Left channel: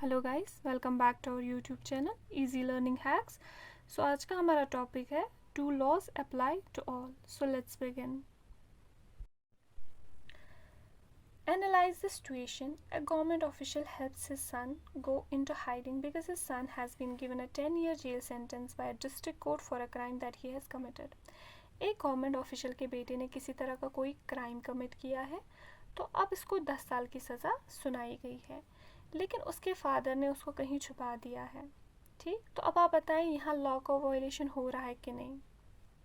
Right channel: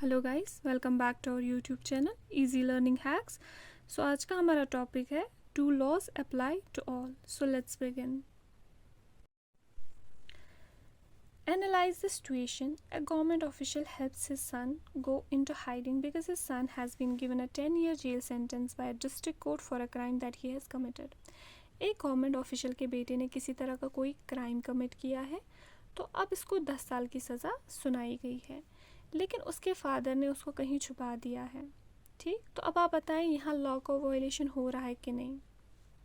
Hello guys, welcome back to our YouTube channel easy learning hacks. So आज का हमारा topic है do laws apply to all. So let's begin. Analyze the situation. A government official helps his son go into hiding because his son has been given a 10-year jail sentence by a district court for a crime that he has committed. एक government official के बेटे ने किसी तरह का कोई crime commit किया है तो अब इसको 10 साल की सज़ा सुनाई गई है, लेकिन उसके फादर ने उसको कहीं छुपा दिया है। ठीक, तो अब आप बताएं यहाँ लॉ का वायलेशन हो रहा है कि नहीं।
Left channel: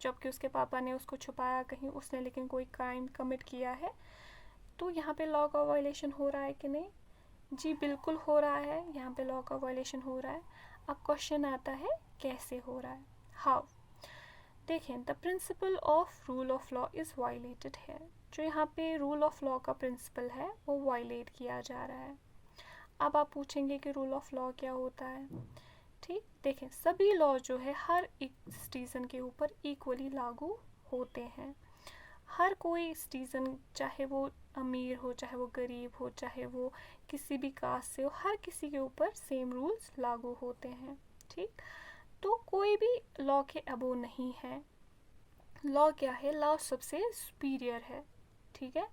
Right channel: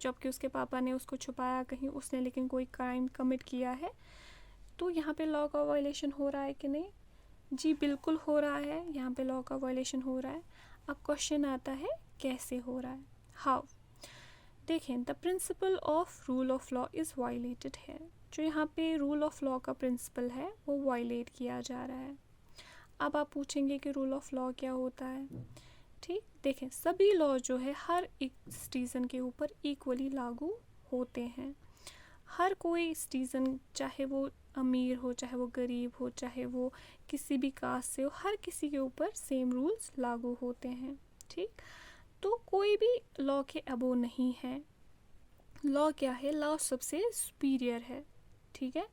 जबकि उसके पापा ने उसको छुपाया कहीं, उसने लेकिन कोई क्राइम कमिट किया है, तो यहाँ पे लॉ का वायलेशन हो रहा है कि नहीं। जी बिल्कुल हो रहा है, यहाँ पे लॉ का वायलेशन हो रहा है। अब क्वेश्चन आता है कैसे हो रहा है, हाउ। देखें, the principle of rule of law is violated है। जो यहाँ पे रूल ऑफ लॉ का प्रिंसिपल है वो वायलेट किया जा रहा है। अब आप पूछेंगे कि रूल ऑफ लॉ क्या होता है। ठीक, देखें, सभी लॉ जो है हर एक सिटीज़न के ऊपर इक्वली लागू होते हैं। हर कोई सिटीज़न, चाहे वो अमीर हो, चाहे वो गरीब हो, चाहे वो किसी भी कास्ट से हो, हर किसी के ऊपर सेम रूल्स लागू होते हैं। ठीक, तो कोई भी लॉ के अबो नहीं है। लॉ क्या है, लॉ सबसे सुपीरियर है। ठीक है,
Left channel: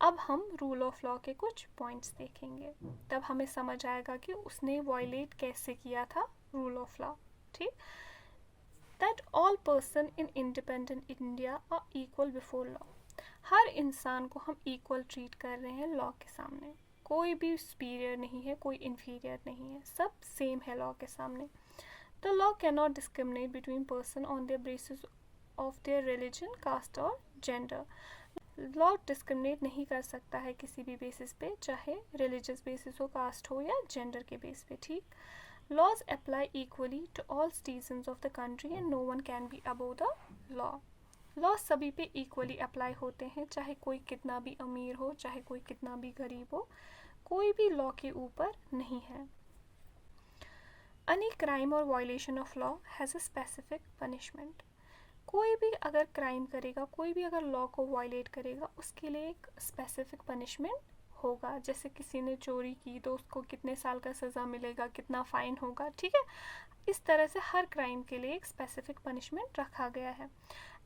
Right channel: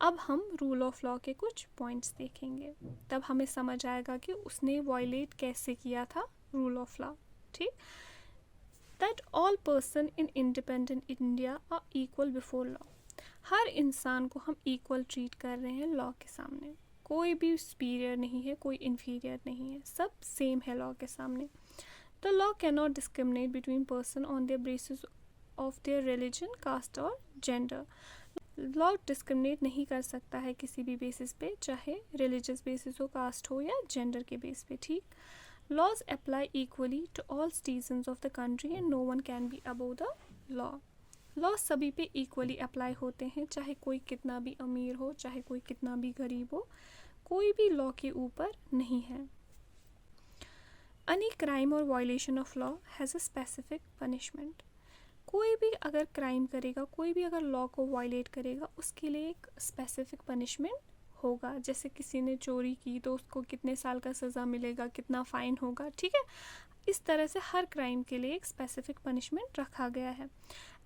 अब हम रूल ऑफ लॉ के कुछ पॉइंट्स देखेंगे, तब हमें समझ आएगा कि उसने वायलेट कैसे किया था रूल ऑफ लॉ। ठीक, that all person in independent India are equal before law. हर इंसान को हम इक्वल ट्रीट कर रहे हैं लॉ के सामने। कोई भी सुपीरियर नहीं है, कोई इन्फीरियर नहीं है, सब सेम है लॉ के सामने। The law can not discriminate between person on their basis of their religion, caste और जेंडर। लॉ डिस्क्रिमिनेट नहीं कर सकता है किसी भी बेसिस पे, चाहे रिलीजियस बेसिस हो, कास्ट हो या जेंडर के बेस पे। ठीक, laws apply equally to all citizens of the country and no one can be above the law. Law सभी पे इक्वली अप्लाई होते हैं, चाहे कोई कितना भी अमीर हो, चाहे कोई कितना भी गरीब हो, कोई भी लॉ के ऊपर नहीं है। एनी क्राइम और violation of law has a specific punishment. कोई भी अगर क्राइम करेगा, कोई भी अगर लॉ को वायलेट करेगा, उसके लिए एक स्पेसिफिक पनिशमेंट होगा। जैसे किसी ने चोरी की तो उसको कितने साल का सज़ा मिलेगा, कितना फ़ाइन होगा। ठीक है, इस तरह से हर क्राइम के लिए एक स्पेसिफिक पनिशमेंट रखा गया है।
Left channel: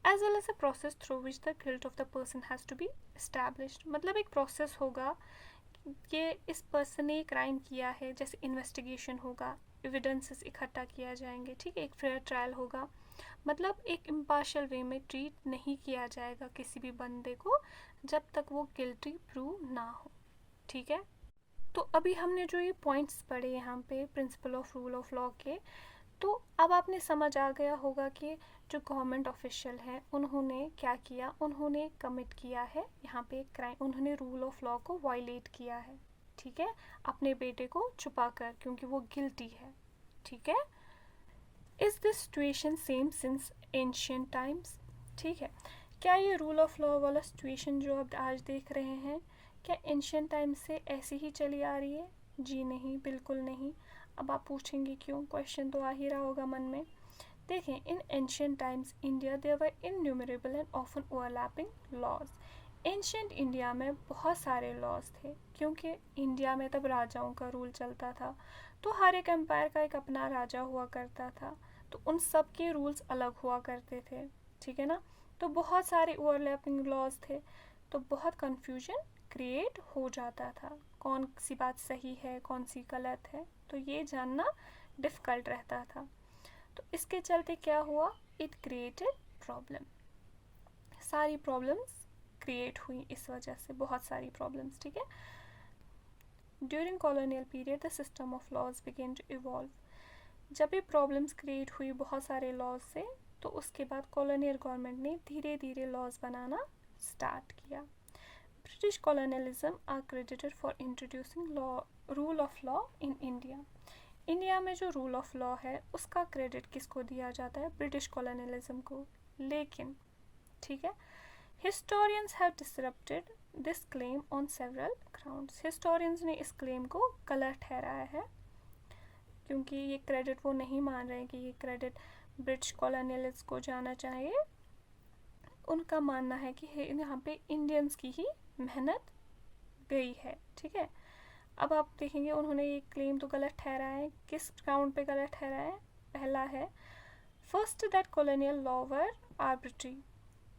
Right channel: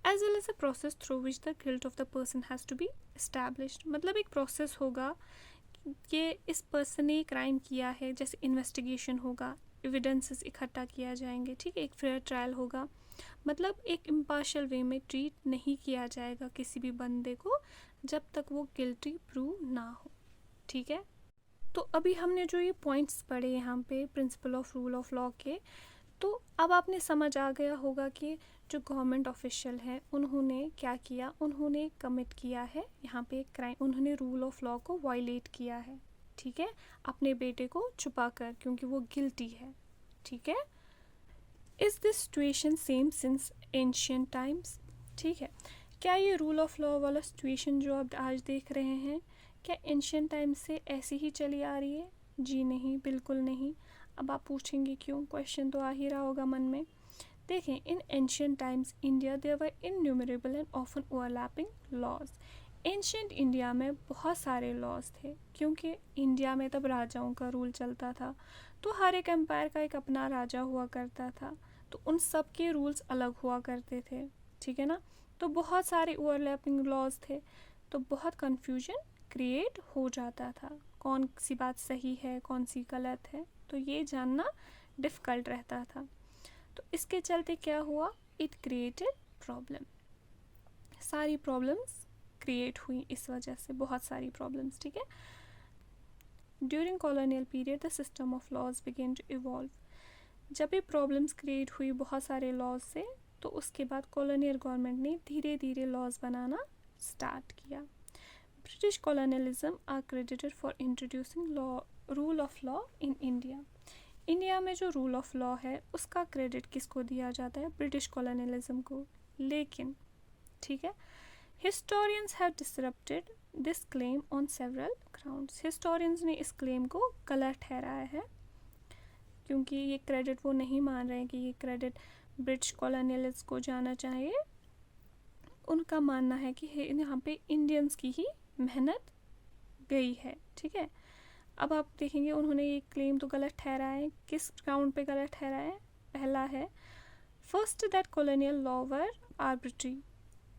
As well as a process through which the guilt of the person has to be established. मतलब एक प्रोसेस होगा कि इस पर्सन ने क्राइम किया है, जैसे इन्वेस्टिगेशन होगा, एविडेंसेस इकट्ठा किया जाएंगे। ठीक है, एक फेयर ट्रायल होगा। मतलब एक इम्पार्शियल वे में ट्रीट नहीं किया जाएगा किसी भी बंदे को जब तक वो गिल्टी प्रूव ना हो। ठीक है, तो अभी हमने जो ये पॉइंट्स पढ़े यहाँ पे principle of rule of law के, तो अब आपने समझ आ गया होगा कि जो गवर्नमेंट ऑफिशियल है उन्होंने क्या किया, उन्होंने कमिट किया है यहाँ पे क्राइम, उन्होंने रूल ऑफ लॉ को वायलेट किया है। ठीक है, अपने बेटे को छुपा कर, क्योंकि वो गिल्टी है। ठीक है, is this situation same since ancient times. ठीक है, क्या ये रूल ऑफ लॉ वाला सिचुएशन जो आप आज देख रहे हैं, क्या एंशियंट टाइम्स से ऐसी ही चली आ रही है? जी नहीं, बिल्कुल नहीं। अब आप पूछेंगे क्यों, क्वेश्चन तो आ ही रहा होगा मन में। देखें, in ancient times India there were innumerable and often overlapping laws. Ancient India में बहुत सारे लॉज थे, क्योंकि इंडिया में तब राजाओं का रूल चलता था, तो हर एक एम्पायर का एक अपना राजा हुआ करता था, तो उन सब के रूल्स अलग हुआ करते थे। ठीक है ना, तो बहुत सारे ओवरलैपिंग लॉज थे, तो बहुत कन्फ्यूजन क्रिएट हो जाता था, कौन सी बात सही है, कौन सी गलत है, तो ये जानना डिफ़िकल्ट रहता था। तो इसके चलते क्या हुआ, इट क्रिएटेड प्रॉब्लम। सारी प्रॉब्लम्स क्रिएट हुई इस वजह से, बहुत सारी प्रॉब्लम्स। ठीक है, during colonial period the system of laws began to evolve. जब ये प्रॉब्लम्स क्रिएट हुई बहुत सारे लॉज से, तो उसके बाद कॉलोनियल गवर्नमेंट ने धीरे धीरे लॉज बनाना स्टार्ट किया। British colonialism are credited for introducing law rule of law in India. India में जो रूल ऑफ लॉ है उसका क्रेडिट किसको दिया जाता है, ब्रिटिश कॉलोनियलिज्म को। लेकिन ठीक है, historians have disrupted this claim on several grounds. Historians ने इस क्लेम को गलत ठहराया है, क्योंकि ये क्रेडिट वो नहीं मान रहे हैं कि ये क्रेडिट ब्रिटिश कॉलोनियलिस्ट को जाना चाहिए। उनका मानना है कि यहाँ पे इंडियंस की ही मेहनत गई है। ठीक है, अब आप देखेंगे उन्होंने ये क्लेम तो गलत ठहराया है। किस ग्राउंड पे गलत ठहराया है? पहला है first that colonial law were arbitrary.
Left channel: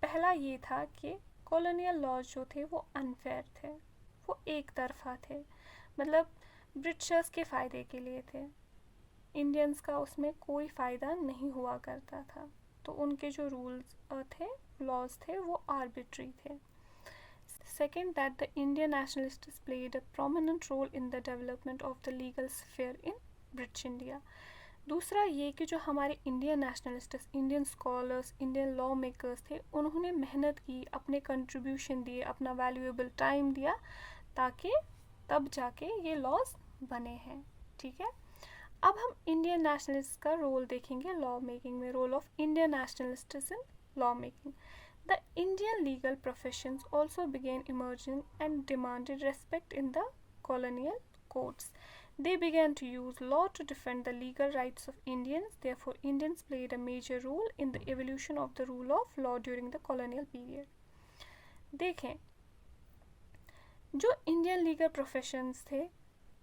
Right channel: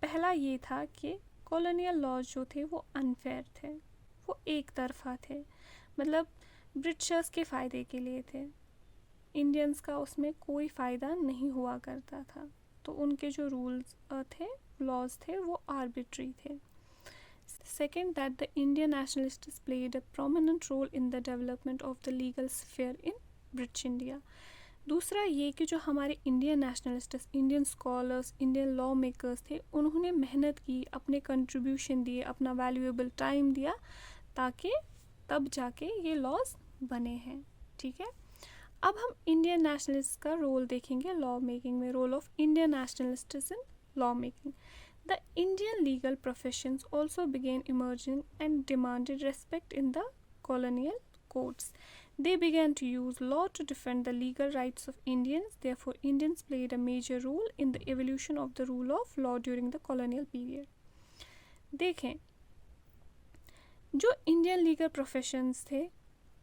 पहला ये था कि कॉलोनियल लॉज जो थे वो अनफेयर थे, वो एक तरफा थे, मतलब ब्रिटिशर्स के फ़ायदे के लिए थे, इंडियंस का उसमें कोई फ़ायदा नहीं हुआ करता था। तो उनके जो रूल्स थे, लॉज थे, वो आर्बिट्री थे। Second, that the Indian nationalists played a prominent role in the development of the legal sphere in British India. दूसरा ये कि जो हमारे Indian nationalists, Indian scholars, Indian law makers थे, उन्होंने मेहनत की, अपने कंट्रीब्यूशन दिए, अपना वैल्यूएबल टाइम दिया, ताकि तब जाके ये लॉज बने हैं। ठीक है, अब हम इंडियन नेशनलिस्ट का रोल देखेंगे लॉ मेकिंग में, role of Indian nationalists in law making. The Indian legal professions also began emerging and demanded respect in the colonial courts. They began to use law to defend the legal rights of Indians. Therefore, Indians played a major role in the evolution of the rule of law during the colonial period. देखें, जो Indian legal professions थे,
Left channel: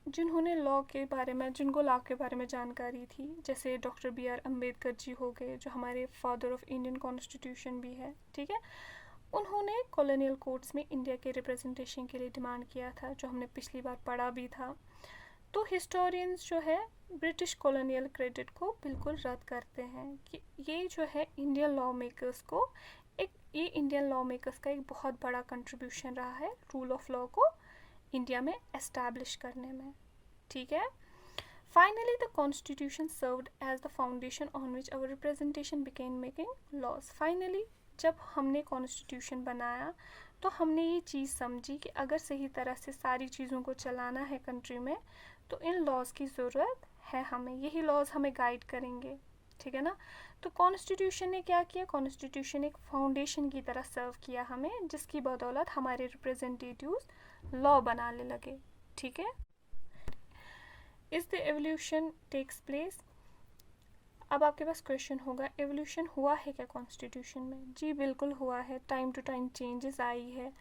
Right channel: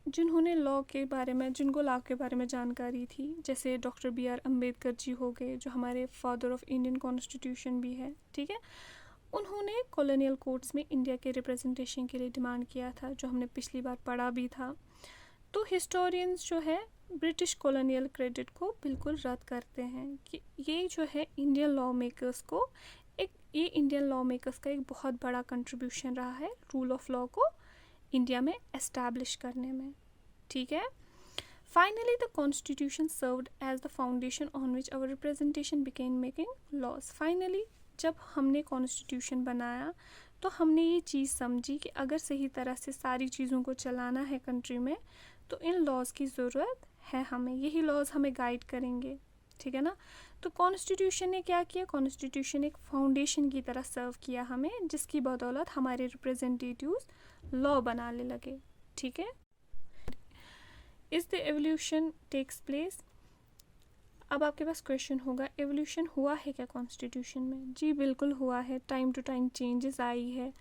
जिन्होंने law के बारे में, जिनको law के बारे में जानकारी थी, जैसे doctor B are Ambedkar ji हो गए, जो हमारे फादर ऑफ इंडियन कॉन्स्टिट्यूशन भी है, ठीक है, उन्होंने कॉलोनियल कोर्ट्स में इंडिया के रिप्रेजेंटेशन के लिए डिमांड किया था, जो हमने पिछली बार पढ़ा भी था। तो हिस्टोरियंस जो है ब्रिटिश कॉलोनियल क्रेडिट को बिल्कुल रद्द करते हैं कि ये जो है इंडियन लॉ मेकर्स को ये इंडियन लॉ मेकर्स का एक बहुत बड़ा कंट्रीब्यूशन रहा है रूल ऑफ लॉ को इंडिया में एस्टैब्लिश करने में। ठीक है, finally the constitution served as the foundation on which our representation began making laws. Finally जब हमने कॉन्स्टिट्यूशन बनाया तो हमने ये चीज़ समझी कि अगर सही तरह से सारी चीज़ों को चलाना है कंट्री में तो इन लॉज की ज़रूरत है हमें, यही लॉज हमें गाइड करेंगे। ठीक है ना, तो कॉन्स्टिट्यूशन ने क्या किया? कॉन्स्टिट्यूशन एक फाउंडेशन की तरह सर्व किया हमें, जिसकी बदौलत हमारे रिप्रेजेंटेटिव्स लॉ बनाने लगे। ठीक है, is the evolution takes place. अब आपके पास क्वेश्चन होगा, एवोल्यूशन हुआ है क्या कॉन्स्टिट्यूशन में? जी बिल्कुल हुआ है, टाइम टू टाइम चेंजेस आई है,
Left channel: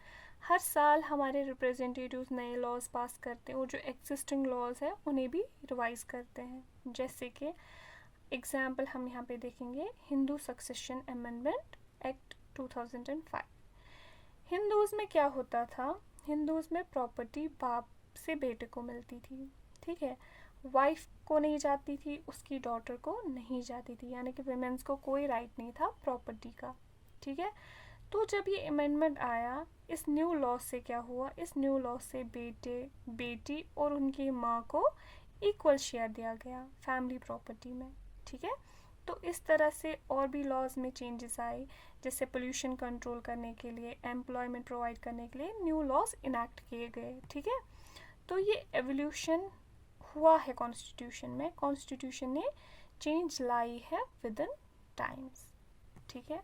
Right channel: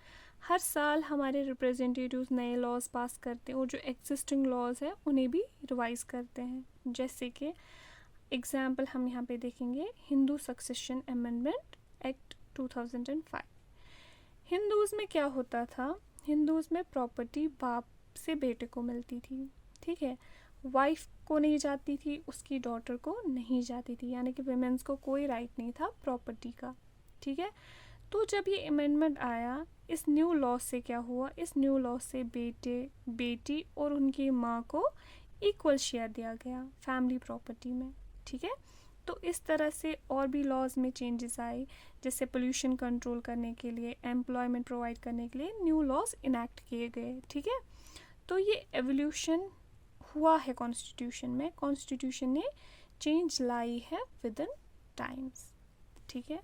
हर साल हमारे रिप्रेजेंटेटिव्स नए लॉज पास करते हैं और जो एग्जिस्टिंग लॉज है उन्हें भी रिवाइज करते हैं। जैसे कि एग्जाम्पल हम यहाँ पे देखेंगे, Hindu succession amendment act 2005। Hindus में क्या होता था? हिंदूज़ में प्रॉपर्टी बाप से बेटे को मिलती थी, ठीक है, वाइफ को नहीं जाती थी, उसकी डॉटर को नहीं जाती थी, यानी कि वुमेन्स को कोई राइट नहीं था प्रॉपर्टी का। ठीक है, तो जब ये अमेंडमेंट आया, इस न्यू लॉ से क्या हुआ? इस न्यू लॉ से बेटे, बेटी और उनकी माँ को इक्वल शेयर दिया गया फैमिली प्रॉपर्टी में। ठीक है, तो इस तरह से और भी लॉज में चेंजेस आए, जैसे पोल्यूशन कंट्रोल करने के लिए, एम्प्लॉयमेंट प्रोवाइड करने के लिए न्यू लॉज इनैक्ट किए गए। ठीक है, तो ये एवोल्यूशन हुआ है कॉन्स्टिट्यूशन में, कॉन्स्टिट्यूशन ने चेंज लाई है विद इन टाइम्स। ठीक है।